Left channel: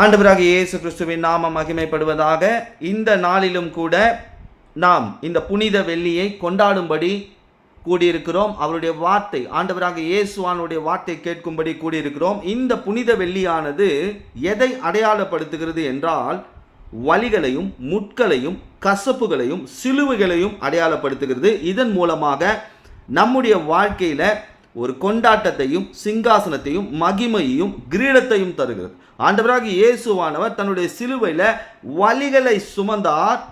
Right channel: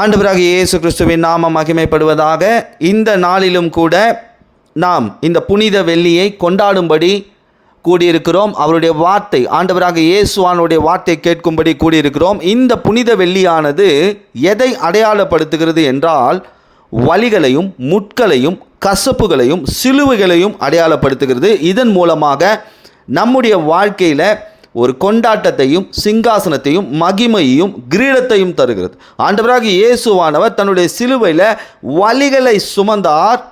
ஆண்டவராகிய இயேசு கிறிஸ்துவின் நாமம் மகிமைப்படுவதாக. இந்த நாளிலும் கூட நாம் இந்த புனித வெள்ளியை கொண்டாடும்படி கூடியிருக்கிறோம். அவருடைய வார்த்தை, ஆண்டவராகிய இயேசுவானுடைய வார்த்தை கேட்கும்படி கூடியிருக்கிறோம். இந்த புனித வெள்ளியானது எதை அடையாளப்படுத்துகிறது என்றால், வலிகளையும் முட்களையும் கசப்புகளையும் சிலுவைகளையும் அடையாளப்படுத்துகிறது. இதன் மூலமாக நம்முடைய வாழ்க்கையில் ஒரு கொண்டாட்டத்தையும் சிங்காசனத்தையும் மகிமையையும் கிரீடத்தையும் தருகிறது. ஆண்டவராகிய இயேசுவானவர் தன்னுடைய சிலுவையில் வலிகளை சுமந்தார்.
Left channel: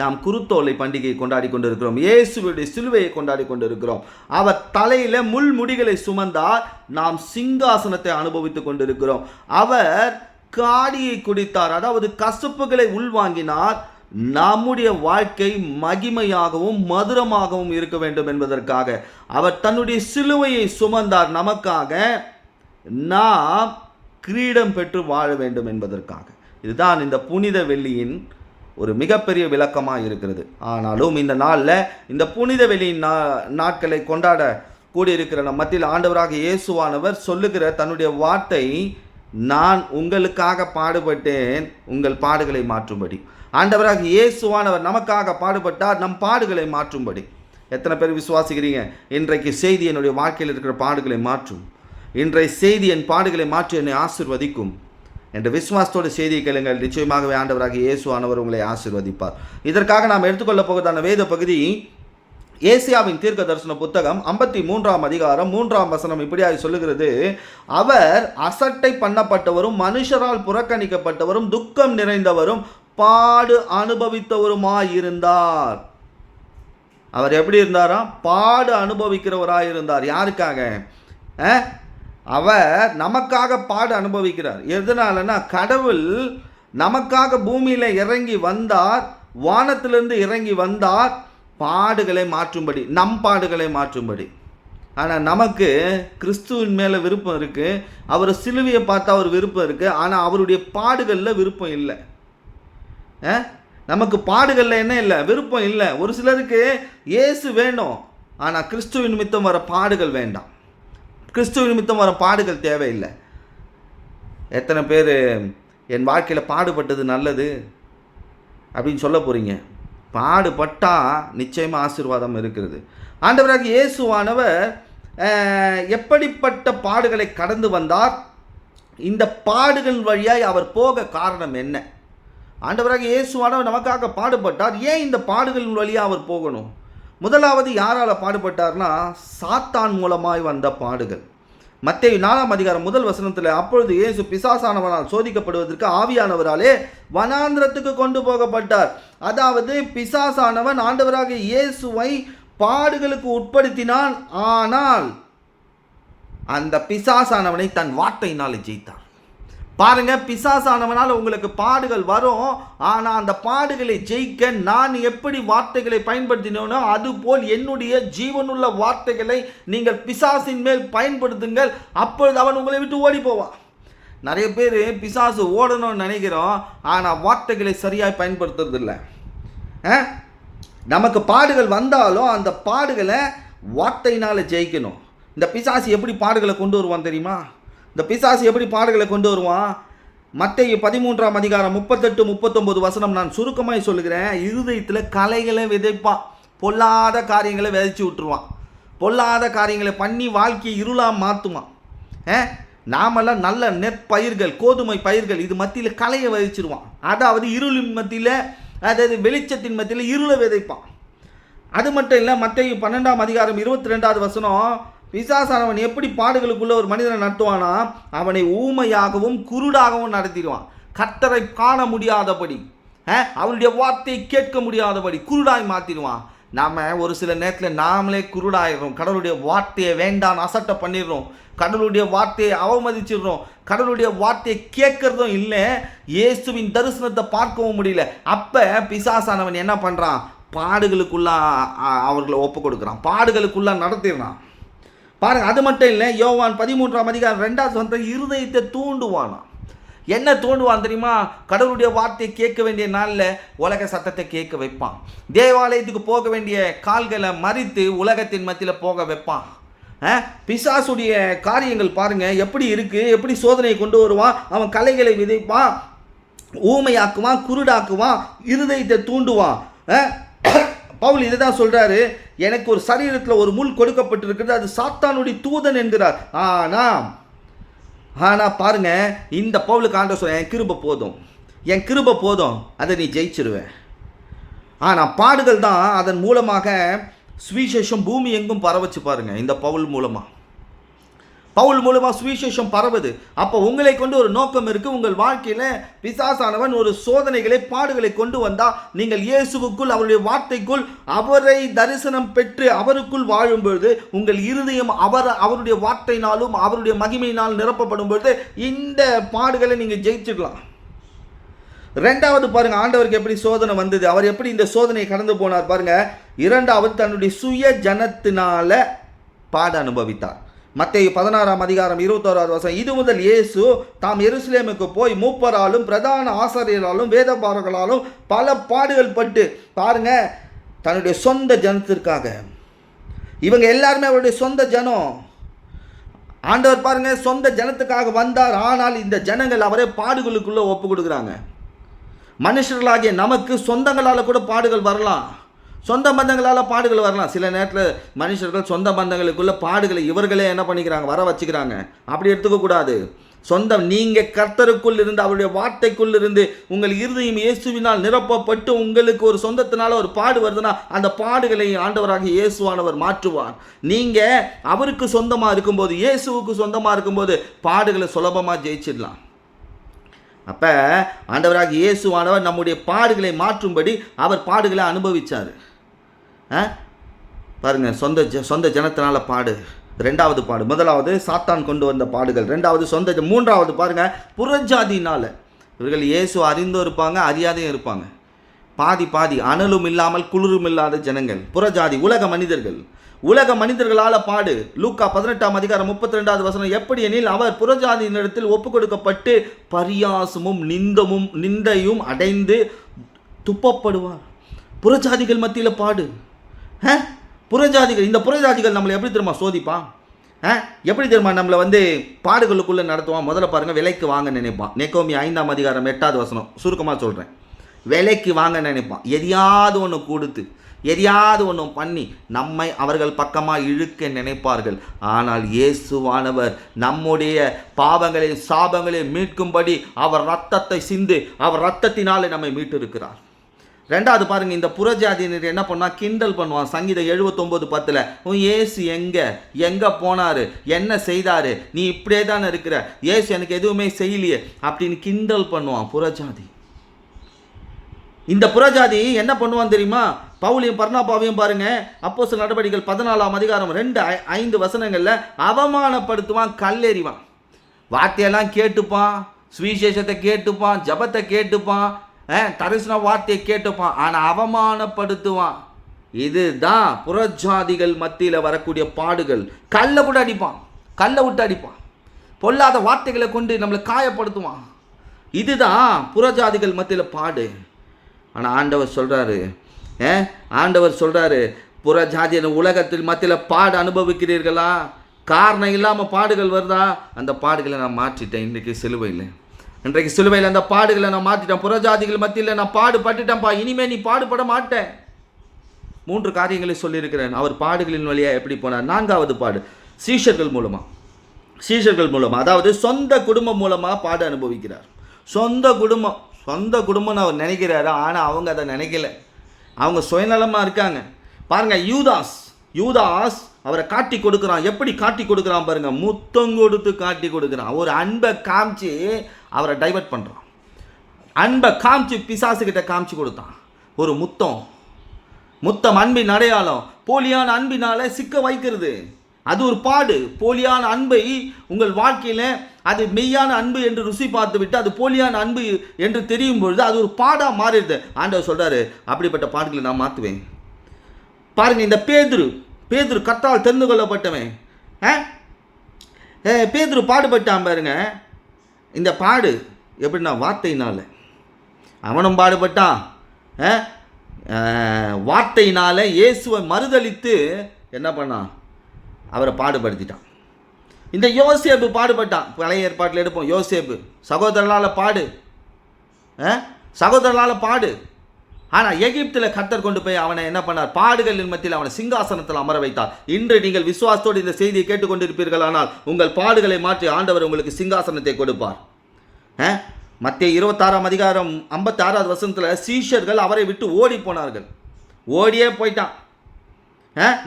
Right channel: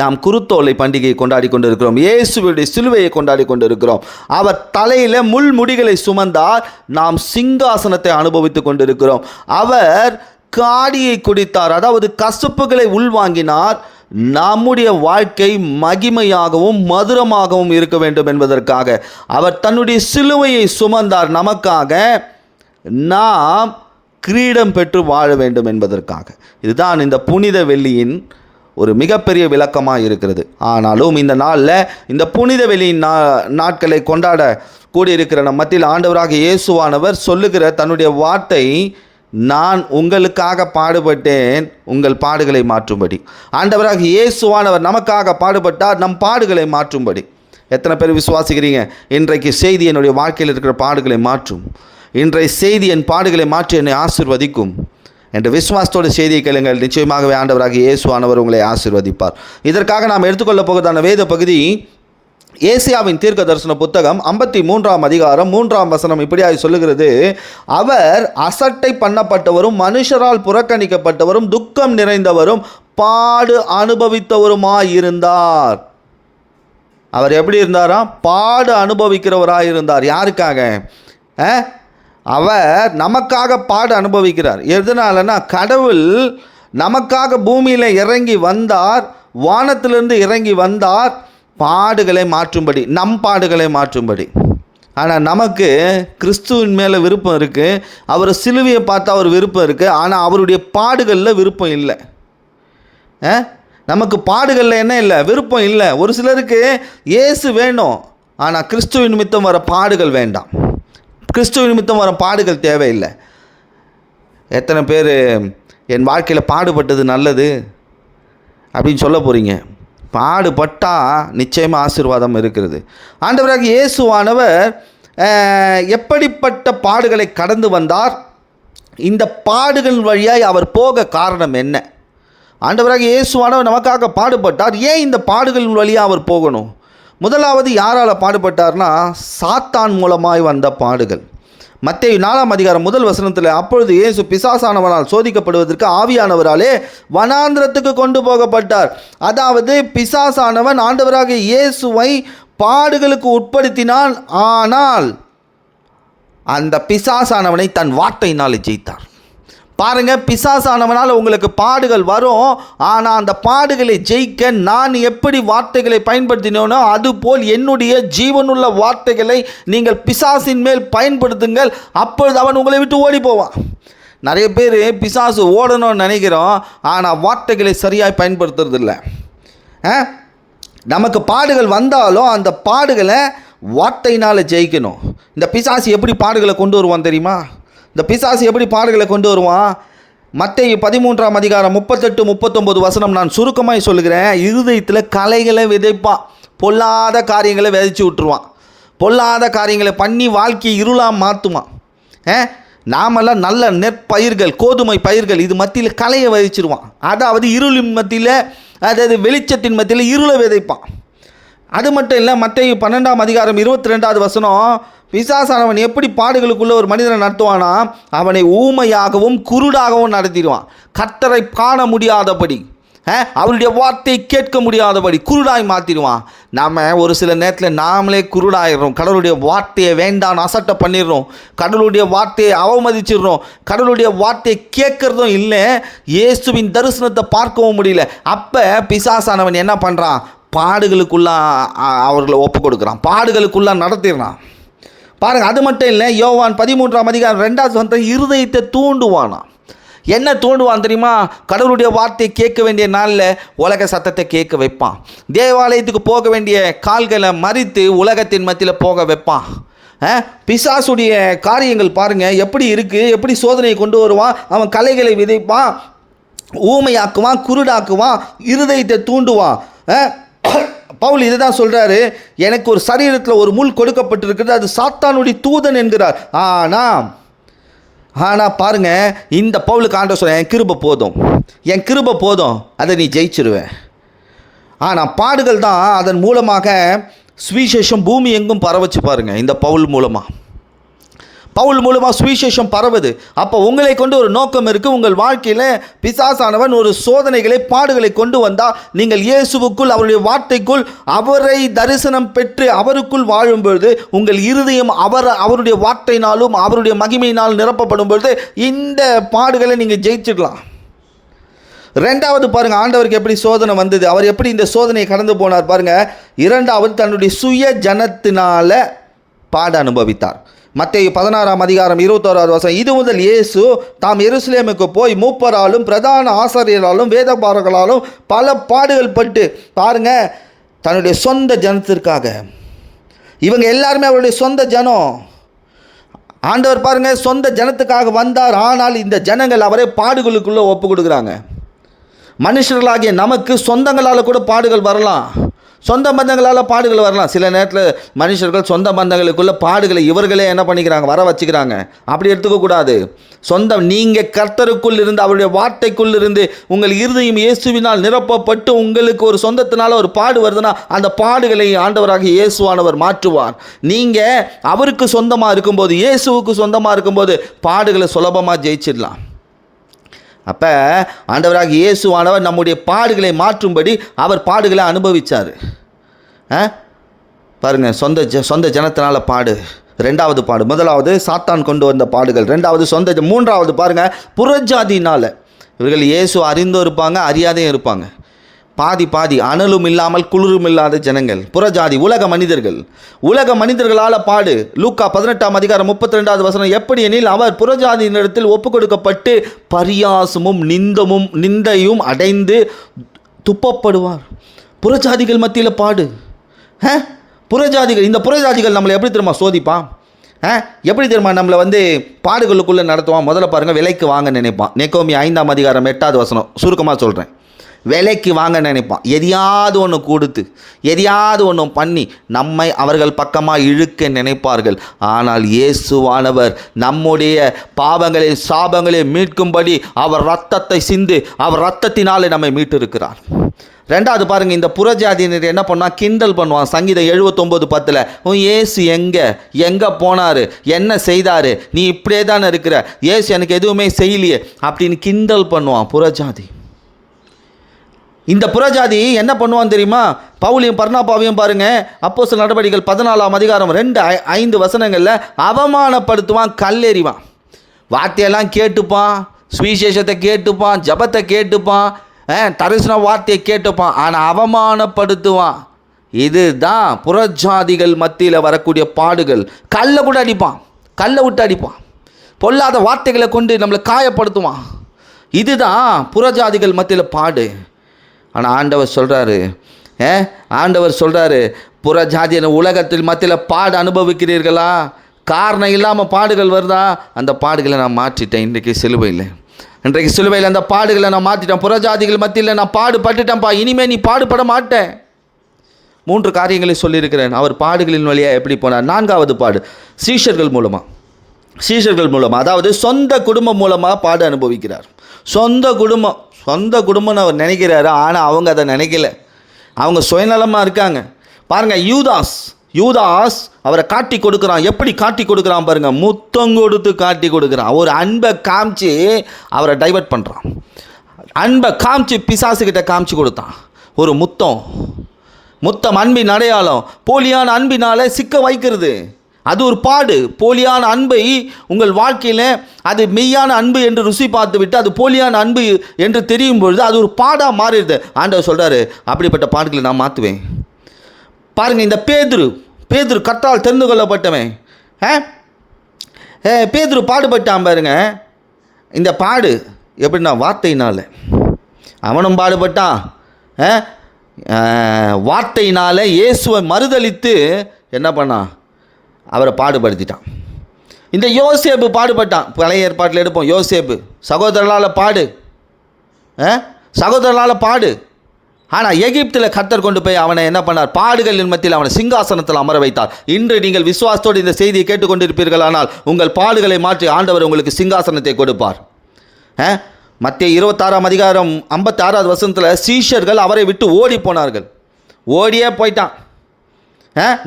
நாம் குருத்தோலை பண்டிகையை கொண்டாடி கொண்டிருக்கிறோம். இயேசுவுடைய சிலுவையை கொண்டாடி கொண்டிருக்கிறோம். அவர் தலையில் முள்முடிகளை சுமந்தார். நாம் சிங்காசனத்தை அனுபவித்து கொண்டிருக்கிறோம். அவர் காடியை குடித்தார், அதாவது கசப்புகளை உள்வாங்கினார். நம்முடைய வாழ்க்கை மகிமையாகவும் மதுரமாகவும் இருக்க வேண்டும் என்பதற்காக அவர் தன்னுடைய சிலுவையை சுமந்தார். நமக்காக நாம் கிரீடம் பெற்று வாழ வேண்டும் என்பதற்காக. இதுதான் இந்த புனித வெள்ளியின் ஒரு மிகப்பெரிய விளக்கமாக இருக்கிறது. ஆனாலும் இந்த நாளில் இந்த புனித வெள்ளியின் நாட்களை கொண்டாட கூடியிருக்கிற நம் மத்தியில் ஆண்டவராக இயேசுவானவர் சொல்லுகிற தன்னுடைய வார்த்தை, நான் உங்களுக்காக பாடுபட்டேன் உங்கள் பாடுகளை மாற்றும்படி. ஆண்டவராக இயேசுவானவர் நமக்காக பாடுபட்டார் நம் பாடுகளை மாற்றும்படி. எத்தனை பேர் விசுவாசிக்கிறீங்க? இன்றைக்கு செய்தி என்னுடைய வாழ்க்கையில் இருக்கிற பாடுகளை மாற்றும், இன்றைய செய்தி என் பாடுகளை மாற்றி என்னை ஆசீர்வதிக்கும் என்ற விசுவாசத்தோட செய்தியை கேளுங்கள். நிச்சயமாகவே ஆண்டவராக இயேசுவானவர் உங்களை ஆசீர்வதிப்பார். இதற்காக நாம் எடுத்துக்கொள்ள போகிறதான வேத பகுதி ஏசாயாவின் தீர்க்க தரிசன புத்தகம் 53ஆம் அதிகாரம் 3ஆம் வசனம் இப்படியாக சொல்லுகிறது, அவர் அசட்டை பண்ணப்பட்டவரும் மனுஷரால் புறக்கணிக்கப்பட்டவரும் துக்கம் நிறைந்தவரும் பாடு அனுபவித்தவருமாயிருந்தார். அவர் எப்படி இருந்தாரா? பாடு அனுபவிக்கிறவராயிருந்தார். யாருக்காக? அவர் நமக்காக பாடு அனுபவிக்கிறார். எதனாலனா, கடவுள் நமக்காக பூமியில் இறங்கி வந்தார், வானத்திலிருந்து இறங்கி வந்தார் பாடுகளை மாற்றும்படி, நம் பாடுகளை மாற்றும்படி. ஆனால் நமக்கு கிறிஸ்துவின் மேலே விருப்பம் இருக்குது. அவர் சிலுவையை பார்த்தா அவர் விருப்பம் இருக்குது. ஆனால் அவருடைய பாடுகளில் விருப்பம் இல்லை. நமக்கு பாடுகளில் என்ன இல்லை? விருப்பம் இல்லை. ஒரு சிலருக்கு இயேசு வேணும், ஆனால் கிறிஸ்துவின் நிமித்தம் வர பாடுகள் வேண்டாம். கிறிஸ்துவின் நிமித்தம் வர பாடுகள் தேவையில்லை. எத்தனை பேர் என் வாழ்க்கையில் பாடுபட்டது நல்லது அப்படின்னு சொல்ல போகிறீங்க? பாடுபட்டால் நிச்சயமாக ஆசீர்வாதம் இருக்கிறது. ஆண்டவராக இயேசுவானவர் எப்படிப்பட்ட பாடுகளை கடந்து வந்தார்? இந்த பாடுகள் வழியாய் அவர் போக காரணம் என்ன? ஆண்டவராக இயேசுவானவர் நமக்காக பாடுபட்டார். ஏன் இந்த பாடுகளின் வழியாக அவர் போகணும்? முதலாவது யாரால் பாடுபட்டார்னா, சாத்தான் மூலமாய் வந்த பாடுகள். மத்தேயு 4ஆம் அதிகாரம் 1 வசனத்தில், அப்பொழுது இயேசு பிசாசானவனால் சோதிக்கப்படுவதற்கு ஆவியானவராலே வனாந்திரத்துக்கு கொண்டு போகப்பட்டார். அதாவது பிசாசானவன் ஆண்டவராக இயேசுவை பாடுகளுக்கு உட்படுத்தினான். ஆனால் அந்த பிசாசானவனை தன் வார்த்தையினால் ஜெயித்தார். பாருங்க, பிசாசானவனால் உங்களுக்கு பாடுகள் வரும். ஆனால் அந்த பாடுகளை ஜெயிக்க நான் எப்படி வார்த்தைகளை பயன்படுத்தினோனோ அதுபோல் என்னுடைய ஜீவனுள்ள வார்த்தைகளை நீங்கள் பிசாசின் மேல் பயன்படுத்துங்கள். அப்பொழுது அவன் உங்களை விட்டு ஓடி போவான். நிறைய பேர் பிசாசு ஓடணும்னு நினைக்கிறோம், ஆனால் வார்த்தைகளை சரியாக பயன்படுத்துறதில்லை. நமக்கு பாடுகள் வந்தாலும் அந்த பாடுகளை வார்த்தையினால் ஜெயிக்கணும். இந்த பிசாசு எப்படி பாடுகளை கொண்டு வருவான் தெரியுமா? இந்த பிசாசு எப்படி பாடுகளை கொண்டு வருவான்? மத்தேயு 13ஆம் அதிகாரம் 38-39 வசனம் நான் சுருக்கமாக சொல்லுகிறேன். இருதயத்தில் கலைகளை விதைப்பான், பொல்லாத காரியங்களை விதைச்சி விட்டுருவான், பொல்லாத காரியங்களை பண்ணி வாழ்க்கையை இருளாக மாற்றுவான். நாமெல்லாம் நல்ல நெற்பயிர்கள், கோதுமை பயிர்கள், இது மத்தியில் கலையை விதைச்சிருவான். அதாவது இருளின் மத்தியில், அதாவது வெளிச்சத்தின் மத்தியில் இருளை விதைப்பான். அது மட்டும் இல்லை, மத்தேயு 12ஆம் அதிகாரம் 22வது வசனம், பிசாசானவன் எப்படி பாடுகளுக்குள்ள ஒரு மனிதனை நடத்துவானா, அவனை ஊமையாகவும் குருடாகவும் நடத்திடுவான். கர்த்தரை காண முடியாதபடி, அவருடைய வார்த்தையை கேட்க முடியாதபடி குருடாய் மாற்றிடுவான். நாம் ஒரு சில நேரத்தில் நாமளே குருடாயிடுறோம். கடவுளுடைய வார்த்தையை வேண்டான்னு அசட்டை பண்ணிடுறோம், கடவுளுடைய வார்த்தையை அவமதிச்சிடுறோம், கடவுளுடைய வார்த்தையை கேட்கறதும் இல்லை, இயேசுவின் தரிசனத்தை பார்க்கவும் முடியல. அப்போ பிசாசானவன் என்ன பண்ணுறான்? பாடுகளுக்குள்ளே அவர்களை ஒப்பு கொடுக்குறான், பாடுகளுக்குள்ளே நடத்திடுறான். பாருங்கள், அது மட்டும் இல்லை, யோவான் 13ஆம் அதிகாரம் 2வது வசனத்தில் இருதயத்தை தூண்டுவானா. என்ன தூண்டுவான் தெரியுமா? கடவுளுடைய வார்த்தையை கேட்க வேண்டிய நாளில் உலக சத்தத்தை கேட்க வைப்பான். தேவாலயத்துக்கு போக வேண்டிய கால்களை மறித்து உலகத்தின் மத்தியில் போக வைப்பான். பிசாசுடைய காரியங்கள் பாருங்கள் எப்படி இருக்குது, எப்படி சோதனையை கொண்டு வருவான். அவன் கலைகளை விதைப்பான், ஊமையாக்குவான், குருடாக்குவான், இருதயத்தை தூண்டுவான். பவுல் இதை தான் சொல்கிறாரு, எனக்கு ஒரு சரீரத்தில் ஒரு முள் கொடுக்கப்பட்டிருக்கிறது, அது சாத்தானுடைய தூதன் என்கிறார். ஆனால் பாருங்கள், இந்த பவுலுக்கு ஆண்டவர் சொல்ல, என் கிருபை போதும், அதை நீ ஜெயிச்சிருவேன். ஆனால் பாடுகள் தான் அதன் மூலமாக சுவிசேஷம் பூமி எங்கும் பரவச்சு பாருங்கள். இந்த பவுல் மூலமாக சுவிசேஷம் பரவுது. அப்போ உங்களை கொண்டு ஒரு நோக்கம் இருக்குது. உங்கள் வாழ்க்கையில் பிசாசானவன் ஒரு சோதனைகளை, பாடுகளை கொண்டு வந்தால் நீங்கள் இயேசுவுக்குள், அவருடைய வார்த்தைக்குள், அவரை தரிசனம் பெற்று அவருக்குள் வாழும்பொழுது உங்கள் இருதயம் அவருடைய வார்த்தையினாலும் அவருடைய மகிமையினால் நிரப்பப்படும் பொழுது இந்த பாடுகளை நீங்கள் ஜெயிச்சிடலாம். ரெண்டாவது பாருங்கள், ஆண்டவருக்கு எப்படி சோதனை வந்தது, அவர் எப்படி இந்த சோதனையை கடந்து போனார் பாருங்கள். இரண்டாவது, தன்னுடைய சுய ஜனத்தினால பாட அனுபவித்தார். மத்தேயு 16:21 இது முதல் இயேசு தாம் எருசலேமுக்கு போய் மூப்பராலும் பிரதான ஆசாரியராலும் வேதபாரகளாலும் பல பாடுகள் பட்டு பாருங்க, தன்னுடைய சொந்த ஜனத்திற்காக. இவங்க எல்லாருமே அவருடைய சொந்த ஜனம். ஆண்டவர் பாருங்க சொந்த ஜனத்துக்காக வந்தார். ஆனால் இந்த ஜனங்கள் அவரே பாடுகளுக்குள்ளே ஒப்பு கொடுக்குறாங்க. மனுஷர்களாகிய நமக்கு சொந்தங்களால் கூட பாடுகள் வரலாம், சொந்த பந்தங்களால் பாடுகள் வரலாம். சில நேரத்தில் மனுஷர்கள் சொந்த பந்தங்களுக்குள்ள பாடுகளை இவர்களே என்ன பண்ணிக்கிறாங்க, வர வச்சுக்கிறாங்க. அப்படி எடுத்துக்கக்கூடாது. நீங்கள் கர்த்தருக்குள் இருந்து, அவருடைய வார்த்தைக்குள் இருந்து உங்கள் இருதயம் இயேசுவினால் நிரப்பப்பட்டு உங்களுக்கு ஒரு சொந்தத்தினால ஒரு பாடு வருதுன்னா அந்த பாடுகளை ஆண்டவராக இயேசுவானவர் மாற்றுவார். நீங்கள் அவருக்கு சொந்தமாக இருக்கும்போது, இயேசுவுக்கு சொந்தமாக இருக்கும்போது பாடுகளை சுலபமாக ஜெயிச்சிடலாம். அப்போ ஆண்டவராக இயேசுவானவர் நம்முடைய பாடுகளை மாற்றும்படி அவர் பாடுகளை அனுபவித்தார். பாருங்கள், சொந்த ஜனத்தினால பாடு. ரெண்டாவது பாடு, முதலாவது சாத்தான் கொண்டு வந்த பாடுகள், ரெண்டாவது மூன்றாவது பாருங்கள் புறஜாதினால். இவர்கள் இயேசு அறிந்தும் இருப்பாங்க, அறியாதையும் இருப்பாங்க. பாதி அனலும் இல்லாமல் குளிரும் இல்லாத ஜனங்கள், புறஜாதி, உலக மனிதர்களால் பாடு. லூக்கா 18:32 எப்படி எனில் அவர் புறஜாதியினிடத்தில் ஒப்பு கொடுக்கப்பட்டு பரியாசமும் நிந்தையும் அடைந்து துப்பப்படுவார். புறஜாதிகள் மத்தியில் பாடு. இந்த புறஜாதிகள் நம்மளை எப்படி தெரியுமா சோதிப்பான், எப்படி தெரியுமா நம்மளை பாடுகளுக்குள்ளே நடத்துவான். முதல்ல பாருங்கள், விலைக்கு வாங்க நினைப்பான். நெகோமி 5:8 சுருக்கமாக சொல்கிறேன். விலைக்கு வாங்க நினைப்பான். எதையாவது ஒன்று கொடுத்து, எதையாவது ஒன்று பண்ணி நம்மை அவர்கள் பக்கமாக இழுக்க நினைப்பார்கள். ஆனால் இயேசுவானவர் நம்முடைய பாவங்களை, சாபங்களை மீட்கும்படி அவர் ரத்தத்தை சிந்து, அவர் ரத்தத்தினாலே நம்மை மீட்டிருக்கிறார். ரெண்டாவது பாருங்கள், இந்த புறஜாதியினர் என்ன பண்ணால் கிண்டல் பண்ணுவான். சங்கீதம் 79:10 இயேசு எங்கே போனார், என்ன செய்தார், நீ இப்படியே தானே இருக்கிற, இயேசு எனக்கு எதுவுமே செய்யலையே அப்படின்னு கிண்டல் பண்ணுவான் புறஜாதி. இந்த புறஜாதி என்ன பண்ணுவான்னு தெரியுமா? பவுலையும் பர்னாபாவையும் பாருங்கள், அப்போஸ்தலர் நடபடிகள் 14:2-5 அவமானப்படுத்துவான், கல்லெறிவான். வார்த்தையெல்லாம் கேட்டுப்பான், சுவிசேஷத்தை கேட்டுப்பான், ஜபத்தை கேட்டுப்பான், தரிசன வார்த்தையை கேட்டுப்பான், ஆனால் அவமானப்படுத்துவான். இதுதான் புறஜாதிகள் மத்தியில் வரக்கூடிய பாடுகள். கல்லை விட்டு அடிப்பான், பொல்லாத வார்த்தைகளை கொண்டு நம்மளை காயப்படுத்துவான். இதுதான் புறஜாதிகள் மத்தியில் பாடு. ஆனால் ஆண்டவர் சொல்கிறாரு புறஜாதியின் உலகத்தில் மத்தியில் பாடு அனுபவிக்கிறீர்களா? காரணம் இல்லாமல் பாடுகள் வருதா? அந்த பாடுகளை நான் மாற்றிட்டேன். இன்றைக்கு சிலுவையில் அந்த பாடுகளை நான் மாற்றிட்டேன். புறஜாதிகள் மத்தியில் நான் பாடுபட்டுட்டேன்ப்பா, இனிமேல் நீ பாடுபட மாட்டேன். 3 காரியங்களை சொல்லியிருக்கிறேன். அவர் பாடுகளின் வழியாக எப்படி போனார். 4வது பாடு சீஷர்கள் மூலமாக, அதாவது சொந்த குடும்பம் மூலமாக பாடு அனுபவிக்கிறார். சொந்த குடும்பம்னு அவர் நினைக்கிறாரு, ஆனால் அவங்க அதை நினைக்கல. அவங்க சுயநலமாக இருக்காங்க. பாருங்கள், யூதாஸ் அவரை காட்டி கொடுக்குறான். எப்படி காட்டி கொடுக்குறான் பாருங்கள், முத்தம் கொடுத்து காட்டி கொடுக்குறான். ஒரு அன்பை காமிச்சு அவரை டைவர்ட் பண்ணுறான். அன்பை காமிச்சு பிசாசுக்கிட்ட காமிச்சு கொடுத்தான். ஒரு முத்தம் அன்பின் அடையாளம். போலியான அன்பினால் சிக்க வைக்கிறது. அது ஒரு பாடு. போலியான அன்பை உங்கள் வாழ்க்கையில் அது மெய்யான அன்பு என்று ருசி பார்த்து விட்டு அது போலியான அன்பு என்று தெரியும் பொழுது அது ஒரு பாடாக மாறிடுது. ஆண்டவர் சொல்கிறாரு, அப்படிப்பட்ட பாடுகளை நான் மாற்றுவேன். பாருங்கள், இந்த பேதுரு கர்த்தரால் தெரிந்து கொள்ளப்பட்டவன். பேதுரு பாடுபட்டான் பாருங்க. இந்த பாடு எப்படின்னா வார்த்தையினால். அவனும் பாடுபட்டான். வார்த்தையினால் இயேசுவை மறுதலித்து என்ன பண்ணான்? அவரை பாடுபடுத்திட்டான். இந்த யோசேப்பு பாடுபட்டான். பழைய ஏற்பாட்டில் எடுப்போம். யோசேப்பு சகோதரர்களால் பாடு. ஆனால் எகிப்தில் கர்த்தர் கொண்டு போய் அவனை என்ன பண்ணார்? பாடுகளின் மத்தியில் அவனை சிங்காசனத்தில் அமர வைத்தார். இன்று நீங்கள் விசுவாசத்தோடு இந்த செய்தியை கேட்டுக்கொண்டிருப்பீர்கள். ஆனால் உங்கள் பாடுகளை மாற்றி ஆண்டவர் உங்களுக்கு சிங்காசனத்தை கொடுப்பார். மத்தேயு 26ஆம் அதிகாரம் 56வது வசனத்தில் சீஷர்கள் அவரை விட்டு ஓடி போனார்கள். ஓடியே போயிட்டான்.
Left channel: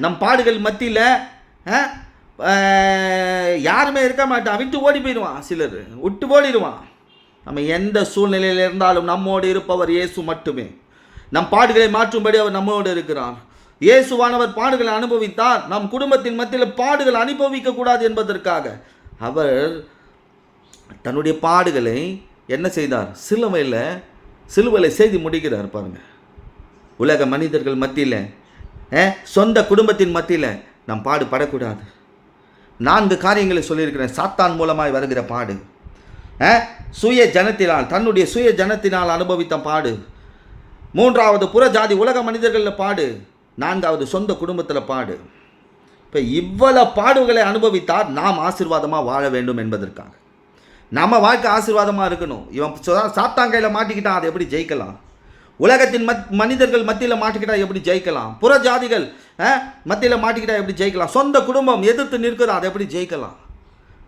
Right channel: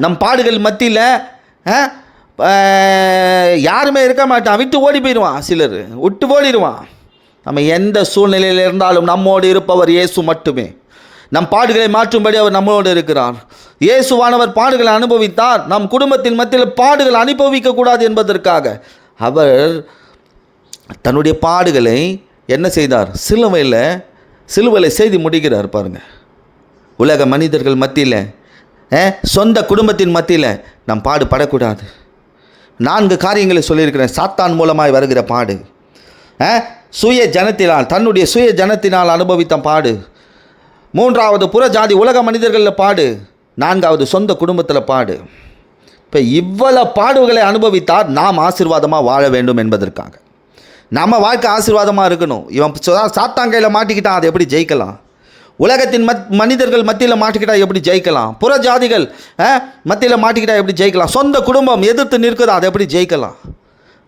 நம் பாடுகள் மத்தியில் யாருமே இருக்க மாட்டான். விட்டு ஓடி போயிடுவான். சிலர் விட்டு ஓடிடுவான். நம்ம எந்த சூழ்நிலையில் இருந்தாலும் நம்மோடு இருப்பவர் இயேசு மட்டுமே. நம் பாடுகளை மாற்றும்படி அவர் நம்மளோடு இருக்கிறார். இயேசுவானவர் பாடுகளை அனுபவித்தார். நம் குடும்பத்தின் மத்தியில் பாடுகள் அனுபவிக்கக்கூடாது என்பதற்காக அவர் தன்னுடைய பாடுகளை என்ன செய்தார்? சிலுவையில் செய்து முடிக்கிறார். பாருங்கள், உலக மனிதர்கள் மத்தியில், சொந்த குடும்பத்தின் மத்தியில் நம் பாடுபடக்கூடாது. 4 காரியங்களை சொல்லியிருக்கிறேன். சாத்தான் மூலமாய் வருகிற பாடு, தன்னுடைய சுய ஜனத்தினால் அனுபவித்த பாடு, 3வது புற ஜாதி உலக மனிதர்களில் பாடு, 4வது சொந்த குடும்பத்தில் பாடு. இப்போ இவ்வளவு பாடுகளை அனுபவித்தார் நாம் ஆசீர்வாதமாக வாழ வேண்டும் என்பதற்காக. நம்ம வாழ்க்கை ஆசீர்வாதமாக இருக்கணும். இவன் சாத்தான் கையில் மாட்டிக்கிட்டான், அதை எப்படி ஜெயிக்கலாம்? உலகத்தின் மனிதர்கள் மத்தியில் மாட்டிக்கிட்டால் எப்படி ஜெயிக்கலாம்? புற ஜாதிகள் மத்தியில் மாட்டிக்கிட்டால் எப்படி ஜெயிக்கலாம்? சொந்த குடும்பம் எதிர்த்து நிற்கிறோம், அதை எப்படி ஜெயிக்கலாம்?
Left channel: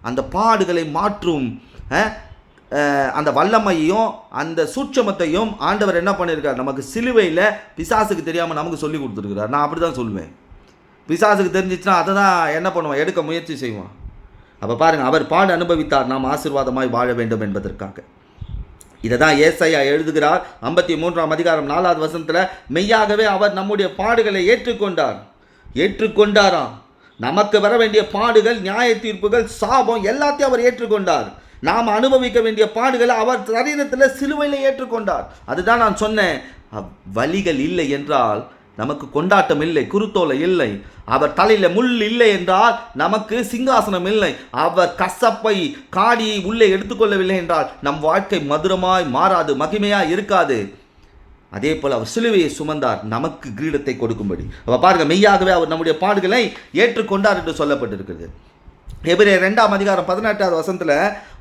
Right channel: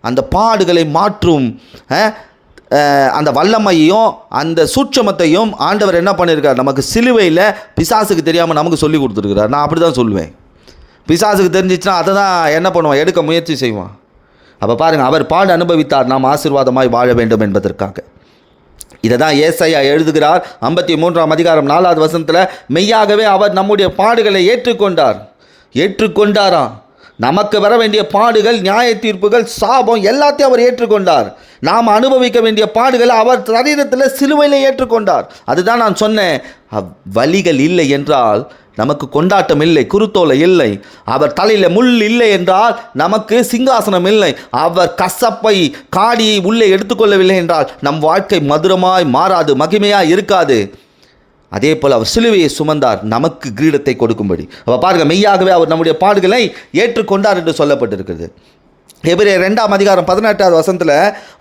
அந்த பாடுகளை மாற்றும் அந்த வல்லமையையும் அந்த சூட்சமத்தையும் ஆண்டவர் என்ன பண்ணியிருக்கார்? நமக்கு சிலுவையில் பிசாசுக்கு தெரியாமல் நமக்கு சொல்லி கொடுத்துருக்கிறார். நான் அப்படி தான் சொல்லுவேன். பிசாசுக்கு தெரிஞ்சிச்சுன்னா அதை தான் என்ன பண்ணுவான்? எடுக்க முயற்சி செய்வான். அப்போ பாருங்கள், அவர் பாடு அனுபவித்தார் நாம் ஆசீர்வாதமாய் வாழ வேண்டும் என்பதற்காக. இதை தான் ஏசாயா எழுதுகிறார் 53ஆம் அதிகாரம் 4வது வசனத்தில். மெய்யாகவே அவர் நம்முடைய பாடுகளை ஏற்றுக்கொண்டாராம். நமக்கு வர வேண்டிய பாடுகள், நியாய தீர்ப்புகள், சாபம் எல்லாத்தையும் அவர் ஏற்றுக்கொண்டார். நாம் அனுபவிக்க வேண்டிய பாடுகளை அவர் சரீரத்தில் சிலுவையில் ஏற்றுக்கொண்டார். அதுதான் நான் சொன்னேன், வலிகள் இல்லை என்றால் நமக்கு கொண்டாட்டம் இல்லை, குருத்தோலை இல்லை. அவர் தலையில் முள் இல்லை என்றால் நமக்கு சிங்காசனம் இல்லை. அவர் கசப்பை காடியை உள்ளே எடுத்துக்கொள்ளவில்லை என்றால் நம் வாழ்க்கை மதுரமாய் மாறாது, மகிமையாக இருக்காது. அதே போல் அவர் சிலுவையை சுமந்தார் நமக்கு கிரீடத்தை கொடுக்கும்படி. அவர் பாருங்கள், மெய்யாகவே அவர் நம்முடைய பாடுகளை ஏற்றுக்கொண்டார் என்று சொல்லப்பட்டிருக்கிறது. எபிரேயர் 2ஆம் அதிகாரம் 18வது வசனத்தில்,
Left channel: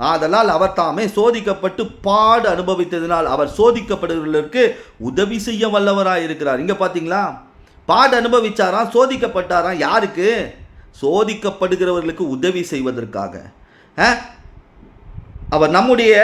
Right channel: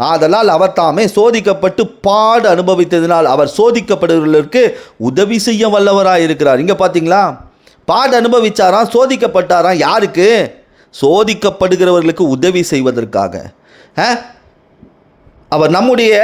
ஆதலால் அவர் தாமே சோதிக்கப்பட்டு பாடு அனுபவித்ததினால் அவர் சோதிக்கப்படுவதற்கு உதவி செய்ய வல்லவராக இருக்கிறார். இங்கே பார்த்தீங்களா, பாடு அனுபவிச்சாராம், சோதிக்கப்பட்டாராம். யாருக்கு? சோதிக்கப்படுகிறவர்களுக்கு உதவி செய்வதற்காக. அவர் நம்முடைய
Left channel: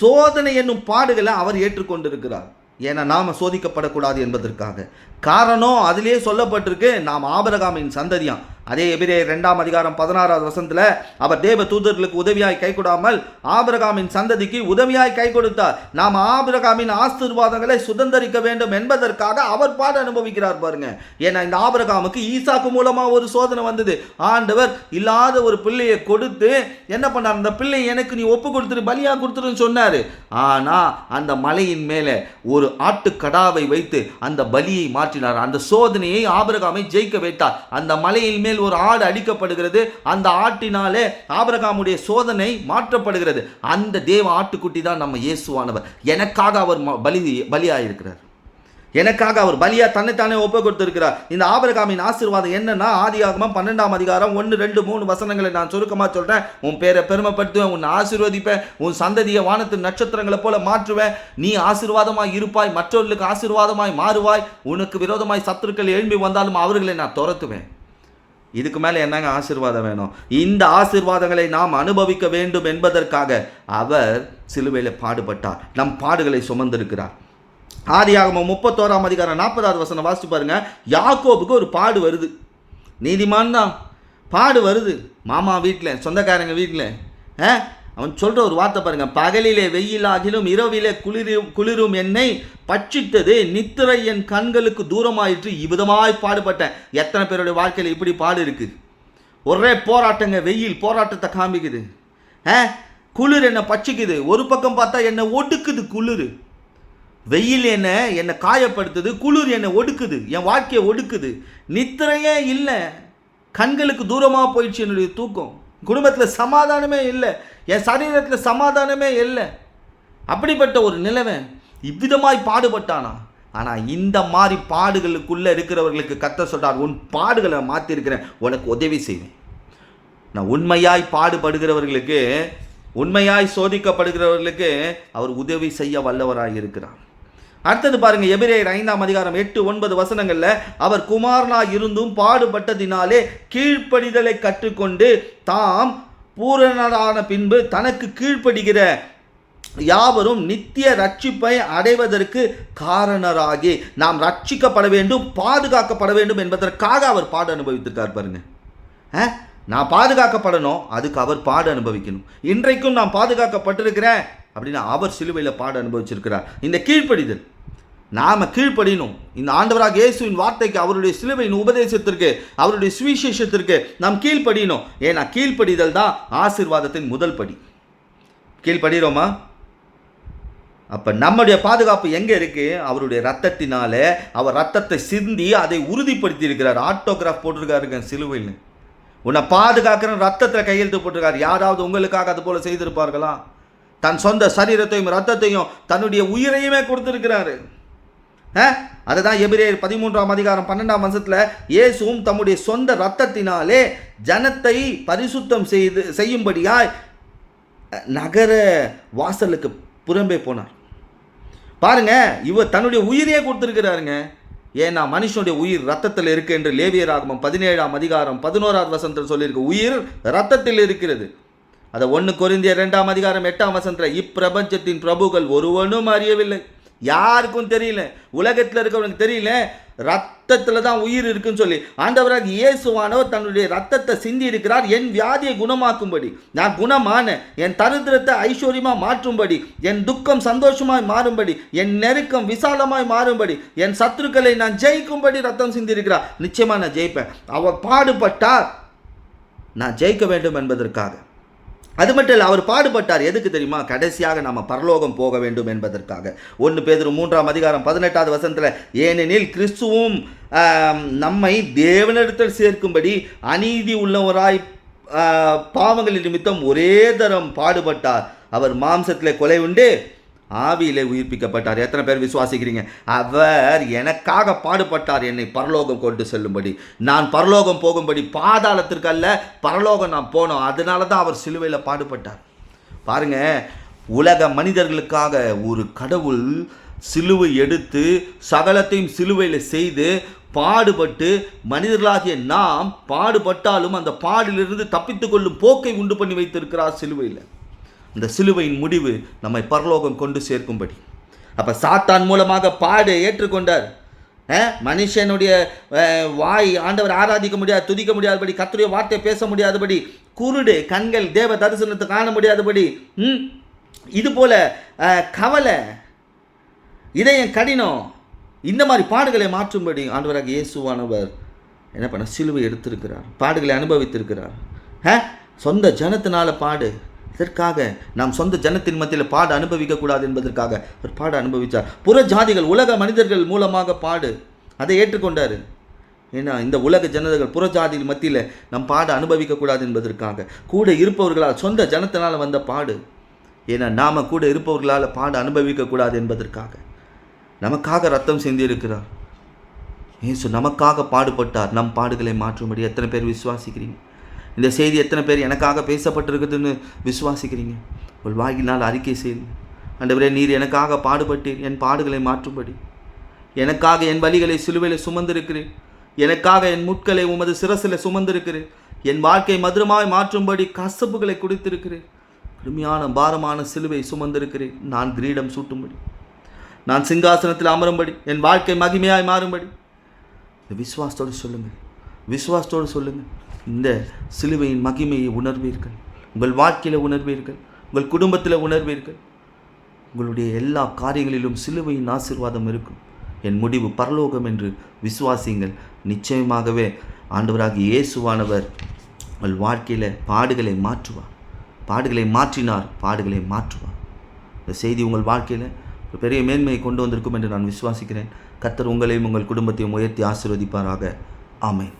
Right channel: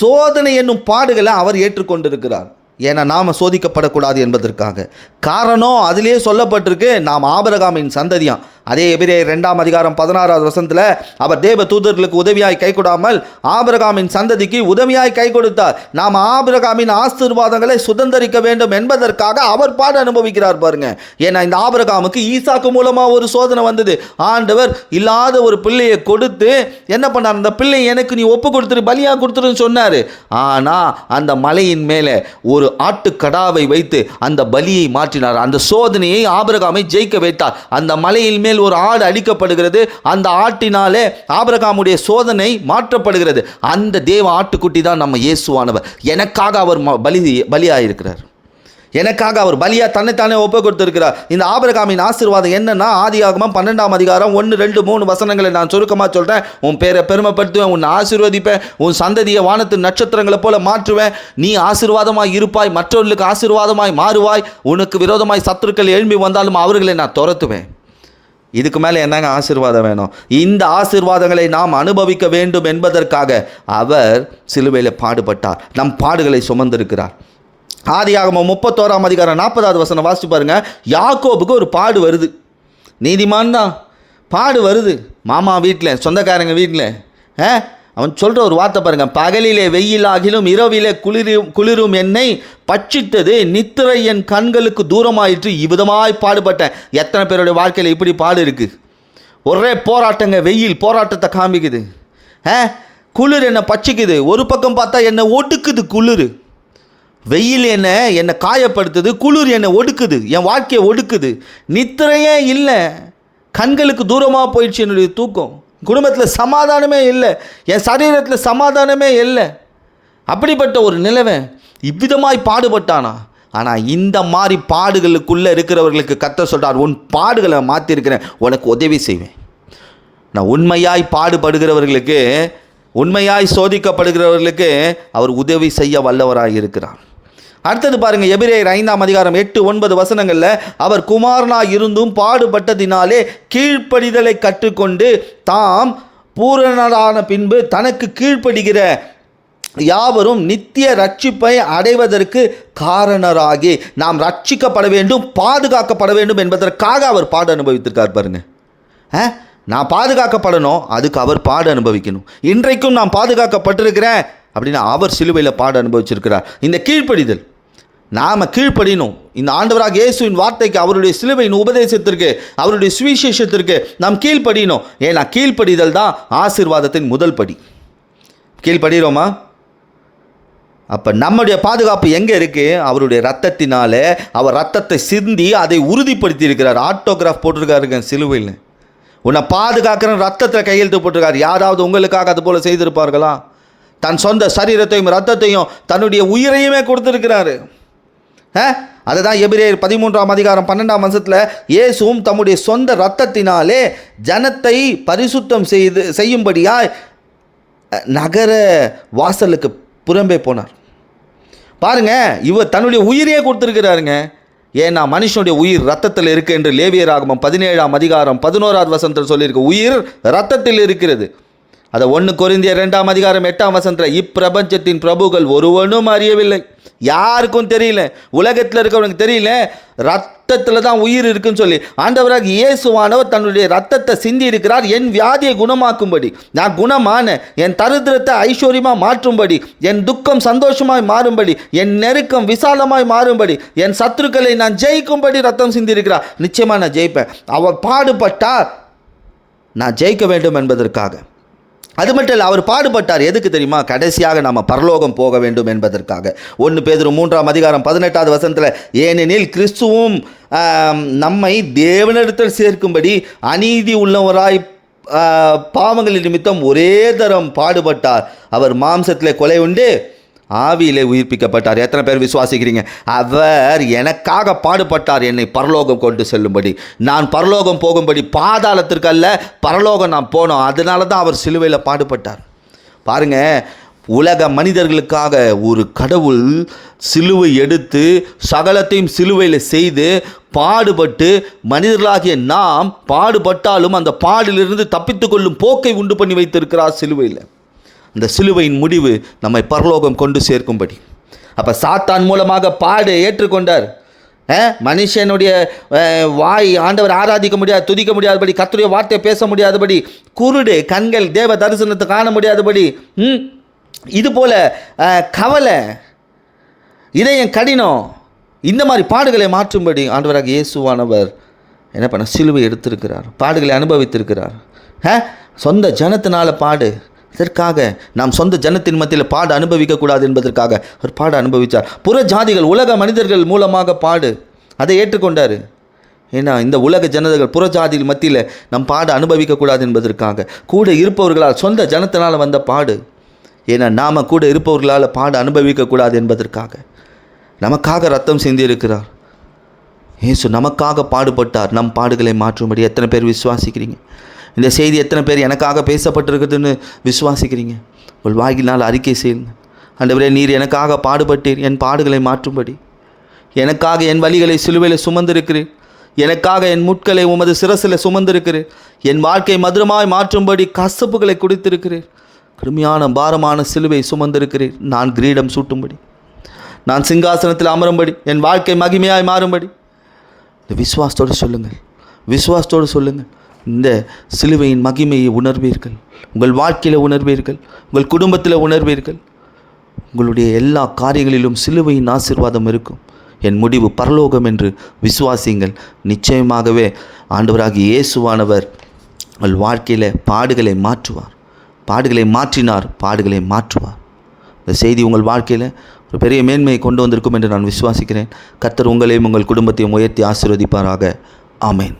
சோதனை என்னும் பாடுகளை அவர் ஏற்றுக்கொண்டிருக்கிறார். ஏன்னா நாம் சோதிக்கப்படக்கூடாது என்பதற்காக. காரணம் அதிலே சொல்லப்பட்டிருக்கு, நாம் ஆபிரகாமின் சந்ததியாம். அதே எபிரேயர் 2ஆம் அதிகாரம் 16வது வசனத்தில், அவர் தேவ தூதர்களுக்கு உதவியாய் கை கொடாமல் ஆபிரகாமின் சந்ததிக்கு உதவியாய் கை கொடுத்தார். நாம் ஆபிரகாமின் ஆசீர்வாதங்களை சுதந்தரிக்க வேண்டும் என்பதற்காக அவர் பாடு அனுபவிக்கிறார். பாருங்க, ஏன்னா இந்த ஆபிரகாமுக்கு ஈசாக்கு மூலமாக ஒரு சோதனை வந்தது. ஆண்டவர் இல்லாத ஒரு பிள்ளையை கொடுத்து என்ன பண்ணார்? அந்த பிள்ளை எனக்கு நீ ஒப்பு கொடுத்துரு, பலியாக கொடுத்துருன்னு சொன்னார். ஆனால் அந்த மலையின் மேலே ஒரு ஆட்டுக்கடாவை வைத்து அந்த பலியை மாற்றினார். அந்த சோதனையை ஆபிரகாமை ஜெயிக்க வைத்தார். அந்த மலையின் மேல் ஒரு ஆடு அடிக்கப்படுகிறது. அந்த ஆட்டினாலே ஆபிரகாமுடைய சோதனை மாற்றப்படுகிறது. அந்த தேவ ஆட்டுக்குட்டி தான் நம்ம இயேசுவானவர். எனக்காக அவர் பலியாயிருக்கிறார். எனக்காக அவர் பலியா தன்னைத்தானே ஒப்பு கொடுத்திருக்கிறார். இந்த ஆபிரகாமின் ஆசீர்வாதம் என்னன்னா, ஆதியாகமம் 12ஆம் அதிகாரம் 1, 2, 3 வசனங்களை நான் சுருக்கமாக சொல்கிறேன். உன் பேரை பெருமைப்படுத்துவேன், உன்னை ஆசீர்வதிப்பேன், உன் சந்ததியை வானத்து நட்சத்திரங்களை போல மாற்றுவேன், நீ ஆசீர்வாதமாய் இருப்பாய், மற்றவர்களுக்கு ஆசீர்வாதமாய் மாறுவாய், உனக்கு விரோதமாய் சத்துருக்கள் எழும்பி வந்தாலும் அவர்களை நான் துரத்துவேன். இதுக்கு மேலே என்னங்க ஆசீர்வாதம் வேணும்? இந்த ஆசீர்வாதங்களை நாம் அனுபவிக்க வேண்டும் என்பதற்காக அவர் சிலுவையில் பாடுபட்டார். நம் பாடுகளை சுமந்திருக்கிறார். ஆதியாகமம் 31ஆம் அதிகாரம் 40வது வசனம் வாசிச்சு பாருங்க. யாக்கோபுக்கு ஒரு பாடு வருது. நீதிமான் தான், பாடு வருது. மாமா வீட்டில், சொந்தக்காரங்க வீட்டில். அவன் சொல்கிற ஒரு வார்த்தை பாருங்க, பகலிலே வெயிலாகிலும் இரவிலே குளிரும் என்னை பட்சித்தது, நித்திரை என் கண்களுக்கு தூரமாயிற்று, இவ்விதமாய் பாடுபட்டேன். எத்தனை பேருடைய வாழ்க்கையில் இப்படி பாடு இருக்குது? ஒரே போராட்டங்க, வெயில் போராட்டத்தை காமிக்குது. குளிர் என்னை பட்சிக்குது. ஒரு பக்கம் பார்த்தா என்னை ஒடுக்குது குளிர். வெயில் என்னை காயப்படுத்துது, குளிர் என்னை ஒடுக்குது, என் வாழ்க்கையை ஒடுக்குது. நித்திரையே இல்லை, கண்களுக்கு தூரமாக போயிடுச்சு என்னுடைய தூக்கம். குடும்பத்தில் சமாதானமே இல்லை, என் சரீரத்தில் சமாதானமே இல்லை. அப்படிப்பட்ட ஒரு நிலைமை. இவ்விதமாய் பாடுபட்டானா? ஆனால் இந்த மாதிரி பாடுகளுக்குள்ளே இருக்கிறவர்களுக்கு கர்த்தர் சொல்கிறார், உன் பாடுகளை மாற்றிருக்கிறேன், உனக்கு உதவி செய்வேன். நான் உண்மையாய் பாடுபடுகிறவர்களுக்கு, உண்மையாய் சோதிக்கப்படுகிறவர்களுக்கு அவர் உதவி செய்ய வல்லவராய் இருக்கிறார். அடுத்தது பாருங்க, எபிரேயர் 5ஆம் அதிகாரம் 8-9 வசனங்களில், அவர் குமாரனாய் இருந்தும் பாடுபட்டதினாலே கீழ்ப்படிதலை கற்றுக்கொண்டு தாம் பூரணரான பின்பு தனக்கு கீழ்ப்படுகிற யாவரும் நித்திய ரட்சிப்பை அடைவதற்கு காரணராகி நாம் ரட்சிக்கப்பட வேண்டும், பாதுகாக்கப்பட வேண்டும் என்பதற்காக அவர் பாடு அனுபவித்திருக்கார். பாருங்க, நான் பாதுகாக்கப்படணும், அதுக்கு அவர் பாடு அனுபவிக்கணும். இன்றைக்கும் நான் பாதுகாக்கப்பட்டிருக்கிறேன் அப்படின்னா அவர் சிலுவையில் பாடு அனுபவிச்சிருக்கிறார். இந்த கீழ்ப்படிதல், நாம் கீழ்ப்படினோம். இந்த ஆண்டவராக இயேசுவின் வார்த்தைக்கு, அவருடைய சிலுவையின் உபதேசத்திற்கு, அவருடைய சுவிசேஷத்திற்கு நாம் கீழ்ப்படினோம். ஏன்னா கீழ்ப்படிதல் தான் ஆசீர்வாதத்தின் முதல் படி. கீழ்ப்படுகிறோமா? அப்போ நம்முடைய பாதுகாப்பு எங்கே இருக்குது? அவருடைய ரத்தத்தினாலே, அவர் ரத்தத்தை சிந்தி அதை உறுதிப்படுத்தி இருக்கிறார். ஆட்டோகிராஃப் போட்டிருக்காருங்க சிலுவையில். உன்னை பாதுகாக்கிற ரத்தத்தை கையெழுத்து போட்டிருக்கார். யாராவது உங்களுக்காக அது போல் செய்திருப்பார்களா? தன் சொந்த சரீரத்தையும் ரத்தத்தையும் தன்னுடைய உயிரையுமே கொடுத்திருக்கிறாரு. அதுதான் எபிரேயர் 13ஆம் அதிகாரம் 12ஆம் வசனத்தில், இயேசுவும் தம்முடைய சொந்த ரத்தத்தினாலே ஜனத்தை பரிசுத்தம் செய்யும்படியாய் நகர வாசலுக்கு புறம்பே போனார். பாருங்க, இவர் தன்னுடைய உயிரையே கொடுத்திருக்கிறாருங்க. ஏன்னா மனுஷனுடைய உயிர் ரத்தத்தில் இருக்கு என்று லேவியராகமம் 17ஆம் அதிகாரம் 11ஆவது வசனத்தில் சொல்லியிருக்கு. உயிர் ரத்தத்தில் இருக்கிறது. அதை 1 கொரிந்தியர் 2ஆம் அதிகாரம் 8ஆம் வசனத்தில், இப்பிரபஞ்சத்தின் பிரபுகள் ஒருவனும் அறியவில்லை, யாருக்கும் தெரியல, உலகத்தில் இருக்கிறவனுக்கு தெரியல, ரத்தத்தில் தான் உயிர் இருக்குன்னு சொல்லி ஆண்டவராக இயேசுவானவர் தன்னுடைய ரத்தத்தை சிந்தி இருக்கிறார். என் வியாதியை குணமாக்கும்படி, நான் குணமான, என் தரித்திரத்தை ஐஸ்வர்யமாக மாற்றும்படி, என் துக்கம் சந்தோஷமாய் மாறும்படி, என் நெருக்கம் விசாலமாய் மாறும்படி, என் சத்துருக்களை நான் ஜெயிக்கும்படி ரத்தம் சிந்தி இருக்கிறார். நிச்சயமாக நான் ஜெயிப்பேன். அவர் பாடுபட்டார், நான் ஜெயிக்க வேண்டும் என்பதற்காக. அது மட்டும் இல்லை, அவர் பாடுபட்டார் எதுக்கு தெரியுமா? கடைசியாக நாம் பரலோகம் போக வேண்டும் என்பதற்காக. 1 பேதுரு 3ஆம் அதிகாரம் 18ஆவது வசனத்தில், ஏனெனில் கிறிஸ்துவும் நம்மை தேவனிடத்தில் சேர்க்கும்படி அநீதி உள்ளவராய் பாவங்களின் நிமித்தம் ஒரே தரம் பாடுபட்டார். அவர் மாம்சத்தில் கொலை உண்டு, ஆவியிலே உயிர்ப்பிக்கப்பட்டார். எத்தனை பேர் விசுவாசிக்கிறீங்க? அவர் எனக்காக பாடுபட்டார், என்னை பரலோகம் கொண்டு செல்லும்படி, நான் பரலோகம் போகும்படி. பாதாளத்திற்கு அல்ல, பரலோகம் நான் போனோம். அதனால தான் அவர் சிலுவையில் பாடுபட்டார். பாருங்க, உலக மனிதர்களுக்காக ஒரு கடவுள் சிலுவை எடுத்து சகலத்தையும் சிலுவையில் செய்து பாடுபட்டு, மனிதர்களாகிய நாம் பாடுபட்டாலும் அந்த பாடிலிருந்து தப்பித்துக்கொள்ளும் போக்கை உண்டு பண்ணி வைத்திருக்கிறார் சிலுவையில். இந்த சிலுவையின் முடிவு நம்மை பரலோகம் கொண்டு சேர்க்கும்படி. அப்போ சாத்தான் மூலமாக பாடு ஏற்றுக்கொண்டார். மனுஷனுடைய வாய் ஆண்டவர் ஆராதிக்க முடியாது, துதிக்க முடியாதபடி, கர்த்தருடைய வார்த்தையை பேச முடியாதபடி, குருடு கண்கள் தேவ தரிசனத்தை காண முடியாதபடி, இது போல கவலை, இதயம் கடினம், இந்த மாதிரி பாடுகளை மாற்றும்படி ஆண்டவராக இயேசுவானவர் என்ன பண்ண? சிலுவை எடுத்திருக்கிறார், பாடுகளை அனுபவித்திருக்கிறார். சொந்த ஜனத்தினால பாடு, இதற்காக நாம் சொந்த ஜனத்தின் மத்தியில் பாடு அனுபவிக்கக்கூடாது என்பதற்காக அவர் பாடு அனுபவித்தார். புற ஜாதிகள், உலக மனிதர்கள் மூலமாக பாடு, அதை ஏற்றுக்கொண்டார். ஏன்னா இந்த உலக ஜனதர்கள் புற ஜாதிகள் மத்தியில் நம் பாடு அனுபவிக்கக்கூடாது என்பதற்காக. கூட இருப்பவர்களால், சொந்த ஜனத்தினால் வந்த பாடு, ஏன்னா நாம் கூட இருப்பவர்களால் பாடு அனுபவிக்கக்கூடாது என்பதற்காக நமக்காக ரத்தம் சிந்தியிருக்கிறார். இயேசு நமக்காக பாடுபட்டார், நம் பாடுகளை மாற்றும்படி. எத்தனை பேர் விசுவாசிக்கிறீங்க? இந்த செய்தி எத்தனை பேர் எனக்காக பேசப்பட்டிருக்குதுன்னு விசுவாசிக்கிறீங்க? உங்கள் வாயினால் அறிக்கை செய்யுங்க. ஆண்டவரே, நீர் எனக்காக பாடுபட்டீர், என் பாடுகளை மாற்றும்படி. எனக்காக என் வலிகளை சிலுவையில் சுமந்திருக்கிறேன், எனக்காக என் முட்களை உமது சிரசில் சுமந்திருக்கிறேன், என் வாழ்க்கை மதுரமாய் மாற்றும்படி கசப்புகளை குடித்திருக்கிறேன், கடுமையான பாரமான சிலுவை சுமந்திருக்கிறேன். நான் கிரீடம் சூட்டும்படி, நான் சிங்காசனத்தில் அமரும்படி, என் வாழ்க்கை மகிமையாய் மாறும்படி. இந்த விசுவாசத்தோடு சொல்லுங்கள், விசுவாசத்தோடு சொல்லுங்கள். இந்த சிலுவையின் மகிமையை உணர்வீர்கள், உங்கள் வாழ்க்கையில் உணர்வீர்கள், உங்கள் குடும்பத்தில் உணர்வீர்கள். உங்களுடைய எல்லா காரியங்களிலும் சிலுவையின் ஆசீர்வாதம் இருக்கும். என் முடிவு பரலோகம் என்று விசுவாசியுங்கள். நிச்சயமாகவே ஆண்டவராகிய இயேசுவானவர் உங்கள் வாழ்க்கையில் பாடுகளை மாற்றுவார். பாடுகளை மாற்றினார், பாடுகளை மாற்றுவார். இந்த செய்தி உங்கள் வாழ்க்கையில் ஒரு பெரிய மேன்மையை கொண்டு வந்திருக்கும் என்று நான் விசுவாசிக்கிறேன். கர்த்தர் உங்களையும் உங்கள் குடும்பத்தையும் உயர்த்தி ஆசீர்வதிப்பாராக. ஆமென்.